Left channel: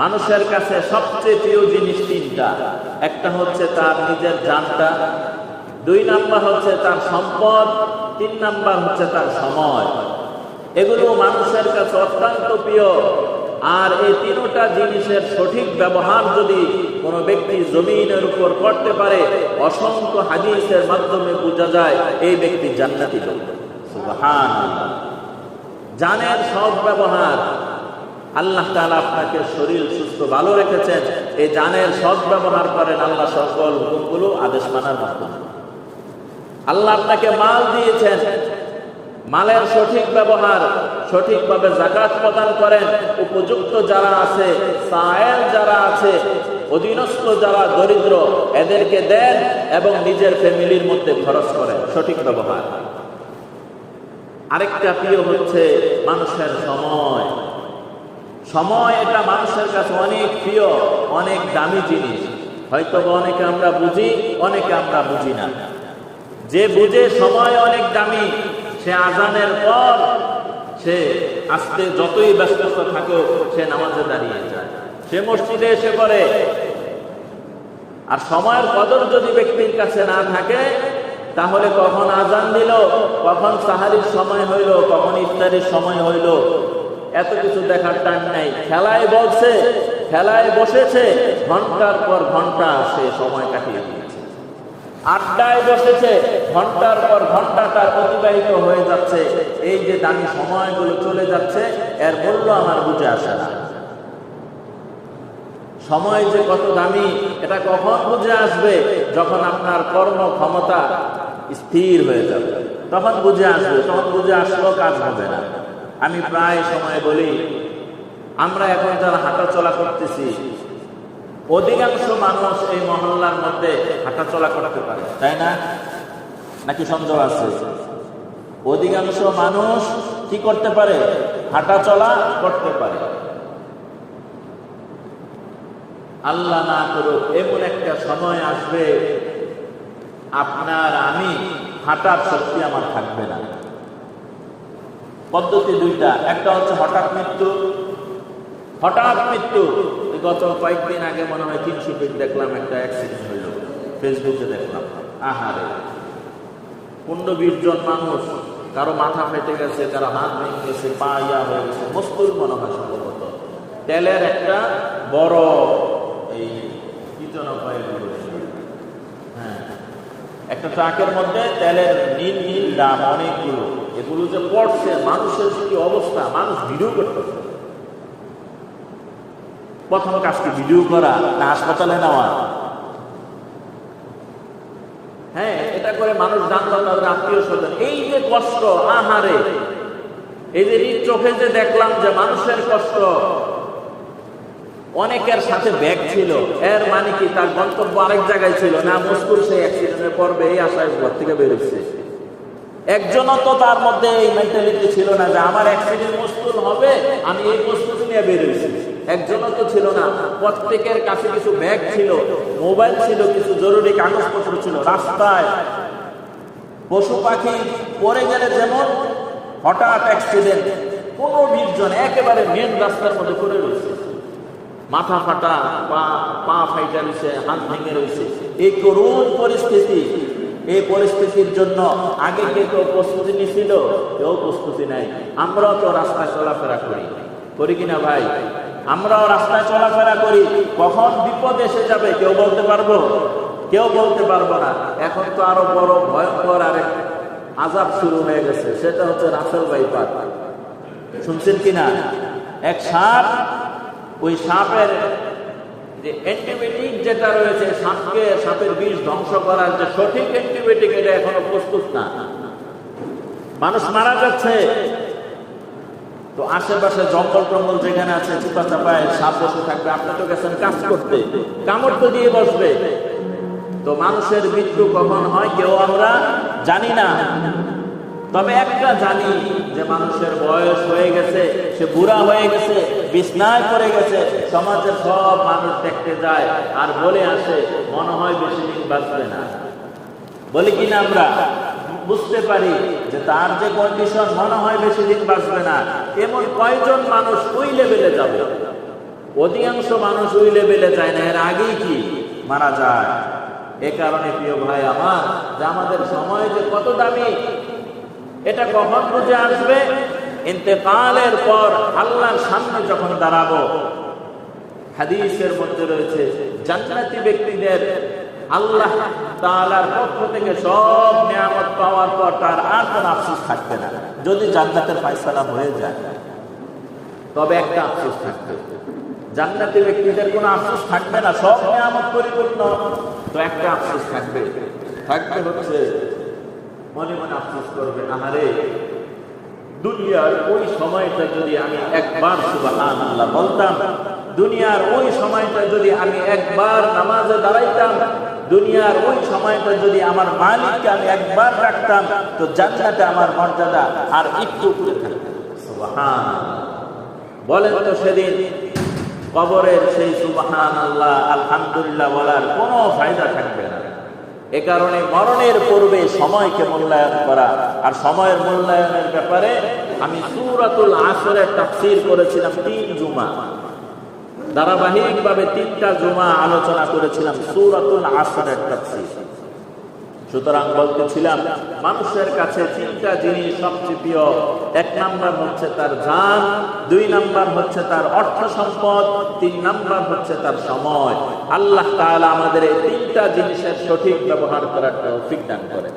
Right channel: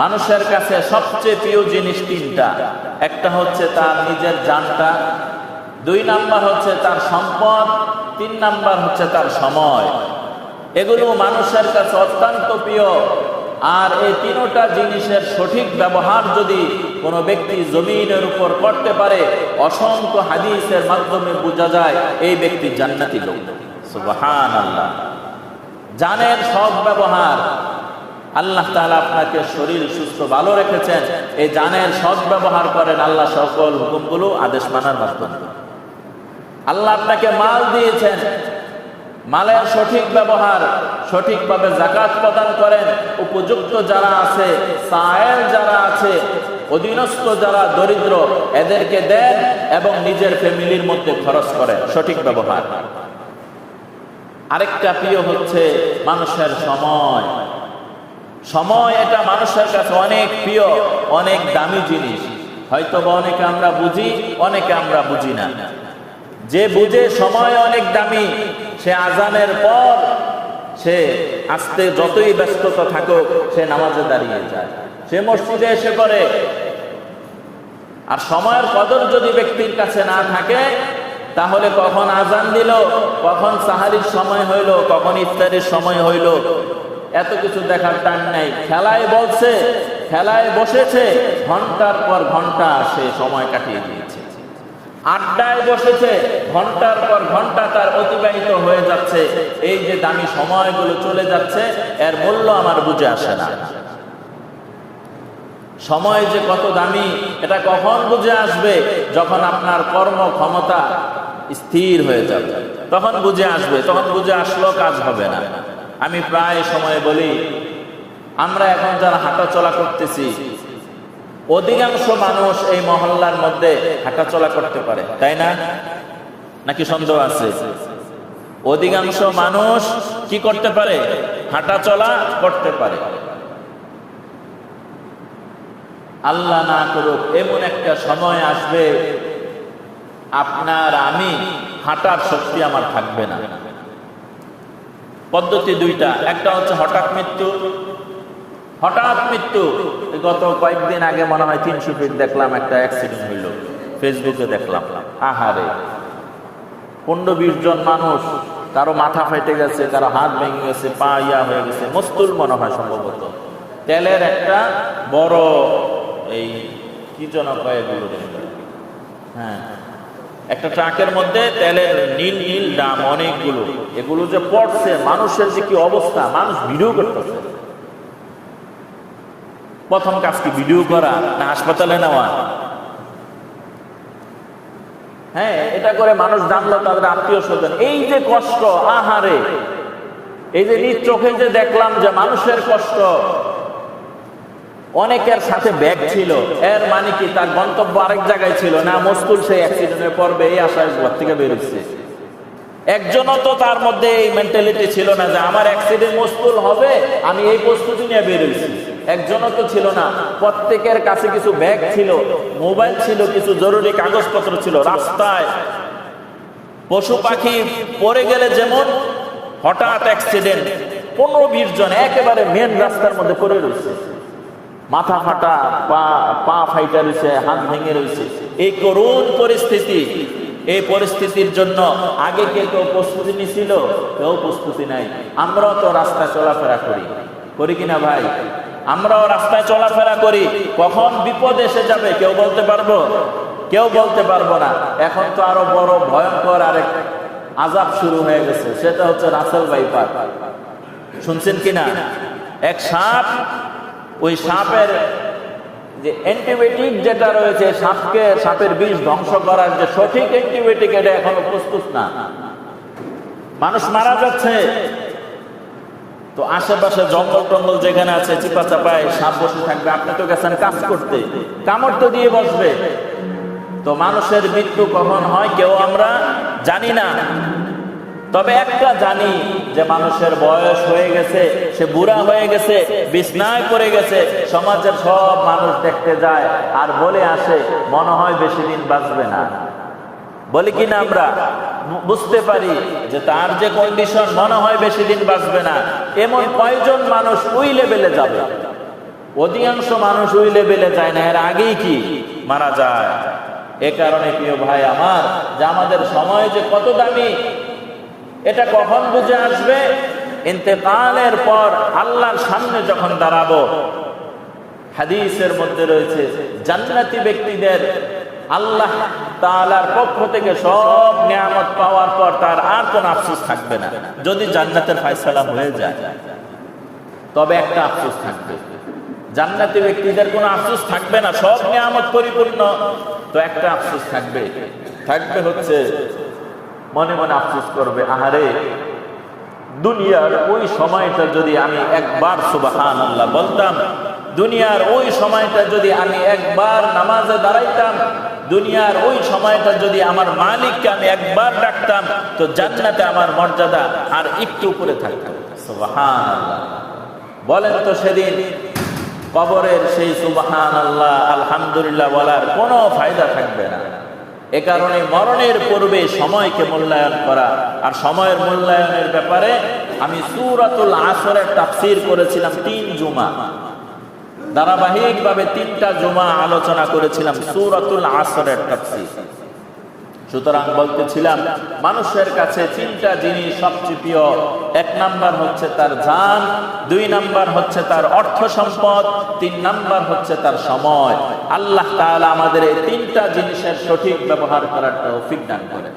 মানুষের কাছে সবচেয়ে প্রিয় জিনিস তিনটা। একটা হচ্ছে তার নিজের জানটা, 2 নাম্বার হচ্ছে তার সম্পদ, 3 নাম্বার হচ্ছে তার সময়। এগুলো মানুষের কাছে অত্যন্ত প্রিয়। আর এই তিনটা জিনিসের সঠিক ব্যবহার যদি কোনো ব্যক্তি জমিনের উপর করতে পারে, অসংখ্য হাদিসের মাধ্যমে বোঝা যায় এই ব্যক্তি জান্নাতি লোক। সুবহানাল্লাহ। জানের সৎ ব্যবহার, আল্লাহ তাআলা আপনাকে শরীর সুস্থ ভালো রেখেছেন, এই জানের সৎ ব্যবহার করেন আল্লাহ সকল হুকুমগুলো আদেশ মানার মাধ্যমে। আল্লাহ আপনাকে মাল দিয়েছেন, মালের সঠিক ব্যবহার, সঠিকভাবে যাকাত প্রদান করেন। উপযুক্ত যারা আছে, সায়েল যারা আছে, অধীনস্থ যারা দরিদ্র, এদেরকে দেন এবং নিজের ফ্যামিলির মধ্যে খরচ করেন। সঠিক ব্যবহার। আরেকটা প্রিয় হচ্ছে মানুষের সময়। সময় এটা মানুষের কাছে অনেক প্রিয়, অনেক দামি জিনিস। হয়তো অনেকে আমরা বুঝি, অনেকে আমরা বুঝি না। যে বুঝে সময় অনেক দামি, সে আজানের পর সে আস্তে যতই ব্যস্ততা থাকুক সে নামাজে দাঁড়িয়ে যায়, সে মসজিদে এসে করে। আর সময়ের কদর যদি ব্যক্তির কাছে না থাকে, তাহলে কখন আজান দিল, কখন সাহারির সময় হইল, কখন ইফতারির সময় হইল, এত কিছু দেখার টাইম নাই। খেলায় বলছে, খেলায় বসেছে, ঘন্টার পর ঘন্টা সে সময় কাটিয়ে দিয়েছে। আড্ডায় বসেছে, ঘন্টার পর ঘন্টা তার অতিবাহিত হয়ে যাচ্ছে। এই যে দামি সময়গুলো চলে যাচ্ছে, এর মূল্য আমার বুঝে আসে না। সময় যে কত দামি এটা কখন বুঝে আসবে? যখন আপনার কর্ম ক্ষমতা স্থির হয়ে যাবে, তখন বুঝে আসবে। তখন বুঝে আসলেও কাজ হবে না। আমি প্রায় সময় বলি, আমরা এখন যারা হাঁটাচলা করতেছি, অধিকাংশ মানুষ এই মহল্লার মধ্যে হাঁটাচলা করতে পারে, তাই না? নাকি সন্দেহ আছে? অধিকাংশ মানুষ কি করতে পারে? হাঁটাচলা করতে পারে। আল্লাহ না করুক এমন একটা সময় আসবে, আপনার আমি হাঁটার শক্তি আমার থাকবে না। পদ্ধতি দুইটা। একটা হচ্ছে হঠাৎ মৃত্যু। হঠাৎ মৃত্যু। গত কয়েকদিন আগে মনে হয় 300 ফিট দেখলাম একটা অ্যাক্সিডেন্ট হইল, ফেসবুকে দেখলাম। আহারে, 15-20 জন মানুষ, কারো মাথা ফাইটে গেছে, কারো হাত ভেঙে গেছে, পা ইয়া হয়ে গেছে, মস্তুল মনে হয় সম্ভবত। তেলের একটা বড় এই কি যেন কয়ে, হ্যাঁ, একটা ট্রাকের মধ্যে তেলের নীল নীল দাম অনেকগুলো। এগুলো যে পড়ছে, মানুষের যে কি অবস্থা, মানুষ ভিডিও করতেছে। প্রথম কাজ কি ভিডিও করা না হাসপাতালে নেওয়া? হ্যাঁ, এটা করে মানুষ জানলো তাদের আত্মীয় স্বজন। এই যে কষ্ট, আহারে, এই যে নিজ চোখে যে দেখলাম যে মানুষের কষ্ট। অনেকের সাথে ব্যাগ ছিল, এর মানে কি তার গন্তব্য আরেক জায়গায় ছিল না, মস্তুল সেই অ্যাক্সিডেন্টে পড়বে এই আশায় ঘর থেকে বেরোচ্ছে। একজনও তো তার মধ্যে এই মেন্টালিটি ছিল না যে আমার অ্যাক্সিডেন্ট মস্তুল হবে, আমি এই প্রস্তুতি নিয়ে বেরোচ্ছি। একজনও তো ছিল না। প্রত্যেকের কাছে কিছু ব্যাগ ছিল, মোবাইল ছিল, কিছু জরুরি কাগজপত্র ছিল। রাস্তায় পশু পাখি পড়ে গেলে যেমন হঠাৎ অ্যাক্সিডেন্ট, 15-20 জন একেবারে মেন রাস্তার মধ্যে পড়ে রয়েছে, মাথা ফাটা, পা ফাইটা রয়েছে, হাত ভেঙে রয়েছে। এই করুণ পরিস্থিতি, এই পরিস্থিতির জন্য আগে কে কেউ প্রস্তুতি নিছিল? কেউ প্রস্তুতি নাই। আমরাও তো রাস্তায় চলাফেরা করি কিনা ভাই? আমরাও রাস্তায় চলাফেরা করি। কখন বিপদ এসে যাবে কেউ বলতে পারবো? কেউ বলতে পারবো না। এখন তো আরো বড় ভয়ঙ্কর আরেক আযাব শুরু হয়ে গেছে, সেটা হচ্ছে রাসেল ভাইপার। শুনছেন কিনা? এক সাপ, ওই সাপের যে অ্যান্টিবায়োটিক যেটা রয়েছে, সাপের বিষ ধ্বংস করার যে সঠিক অ্যান্টিবায়োটিক, এটা এখনো প্রস্তুত না। মানুষ মারা যাচ্ছে। তো আশেপাশে জঙ্গল টঙ্গল যেখানে আছে, চিপা চাপায় সাপ বসে থাকবে। আপনি তো গেছেন কাজ করতে, কামড় তো দিয়ে বসবে। তো মানুষের মৃত্যু কখন হয় কেউ আমরা জানি না। তবে একটা জানি যে মানুষের বয়স হয়ে গেছে, সে বুড়া হয়ে গেছে, বিছনায় পড়ে গেছে, সমাজের সব মানুষ দেখতে যায় আর বলে আসে মনে হয় বেশি দিন বাঁচবে না। বলি কিনা আমরা? বুঝতে পারি যে তার যে কন্ডিশন, মনে হয় বেশি দিন বাঁচবে না। এমন কয়জন মানুষ ওই লেভেলে যাবে? অধিকাংশ মানুষ ওই লেভেলে যায় না, এর আগেই কি মারা যায়। এ কারণে প্রিয় ভাই আমার, যে আমাদের সময় যে কত দামি, এটা কখন বুঝে আসবে? ইন্তেকালের পর আল্লাহর সামনে যখন দাঁড়াবো। হাদিসের মধ্যে রয়েছে জান্নাতি ব্যক্তিদের আল্লাহ তাআলার পক্ষ থেকে সব নিয়ামত পাওয়ার পর তার আর কোনো আফসোস থাকবে না। যদি জান্নাতের ফয়সালা হয়ে যায়, তবে একটা আফসোস থাকবে। জান্নাতি ব্যক্তিদের কোনো আফসোস থাকবে না, সব নিয়ামত পরিপূর্ণ, তো একটা আফসোস থাকবে। থাকবে হচ্ছে মনে মনে আফসোস করবে, আহারে দুনিয়ার ওই সময়টা যদি আমি একবার সুবহানাল্লাহ বলতাম, দুনিয়ার ওই সময়টা যদি আমি একবার নামাজে দাঁড়াইতাম, দুনিয়ার ওই সময়টা যদি আমার মালিককে আমি একবার ডাকতাম, তো জান্নাতে আমার মর্যাদা আর একটু উপরে থাকতাম। সুবহানাল্লাহ বলেন তো, সেদিন কবরের সেই সুবহানাল্লাহ আলহামদুলিল্লাহ বলার কোনো ফায়দা থাকবে না। এ কারণে মরণের পূর্বে সময়কে মূল্যায়ন করা। আর সময়ের মূল্যায়নের ব্যাপারে আমি সূরাতুল আসরের তাফসীর করেছিলাম 3 জুমা, ধারাবাহিকভাবে 3টা জুমা আলোচনা করেছিলাম সূরাতুল আসরের তাফসীর। সুতরাং বলতেছিলাম, মানুষের কাছে 3টা জিনিস সবচেয়ে প্রিয়। 1 নাম্বার হচ্ছে তার জান, 2 নাম্বার হচ্ছে তার অর্থ সম্পদ, 3 নাম্বার হচ্ছে তার সময়। আল্লাহ তাআলা আমাদের এই 3টা জিনিসের সঠিক ব্যবহার করার তৌফিক দান করেন।